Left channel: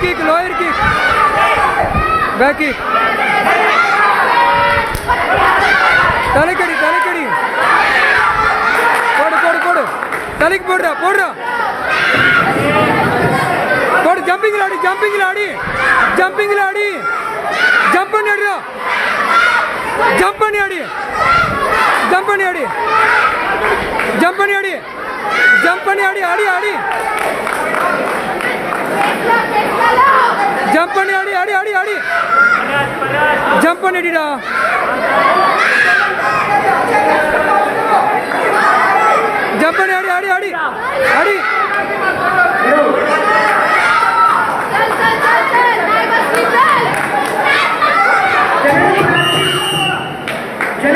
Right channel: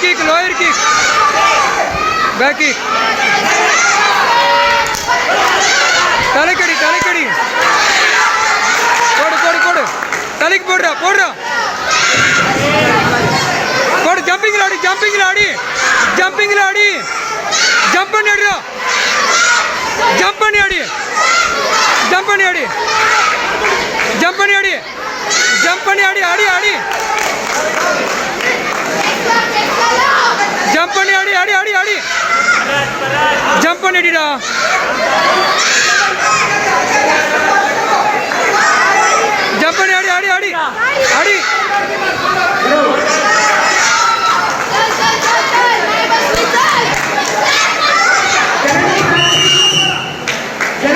kick. Back kick. தலைக்கடி. போடு. தலைக்கு போடுறா. போடு ஜம்பிங்ல ஆடி. ஜம்ப் பண்ணி ஆடுறா. ஜம்ப் பண்ணி ஆடி. ஆடி. ஜம்ப் பண்ணி ஆடி. ஜம்ப் பண்ணிடிடா. ஜம்ப் பண்ணி ஆடி.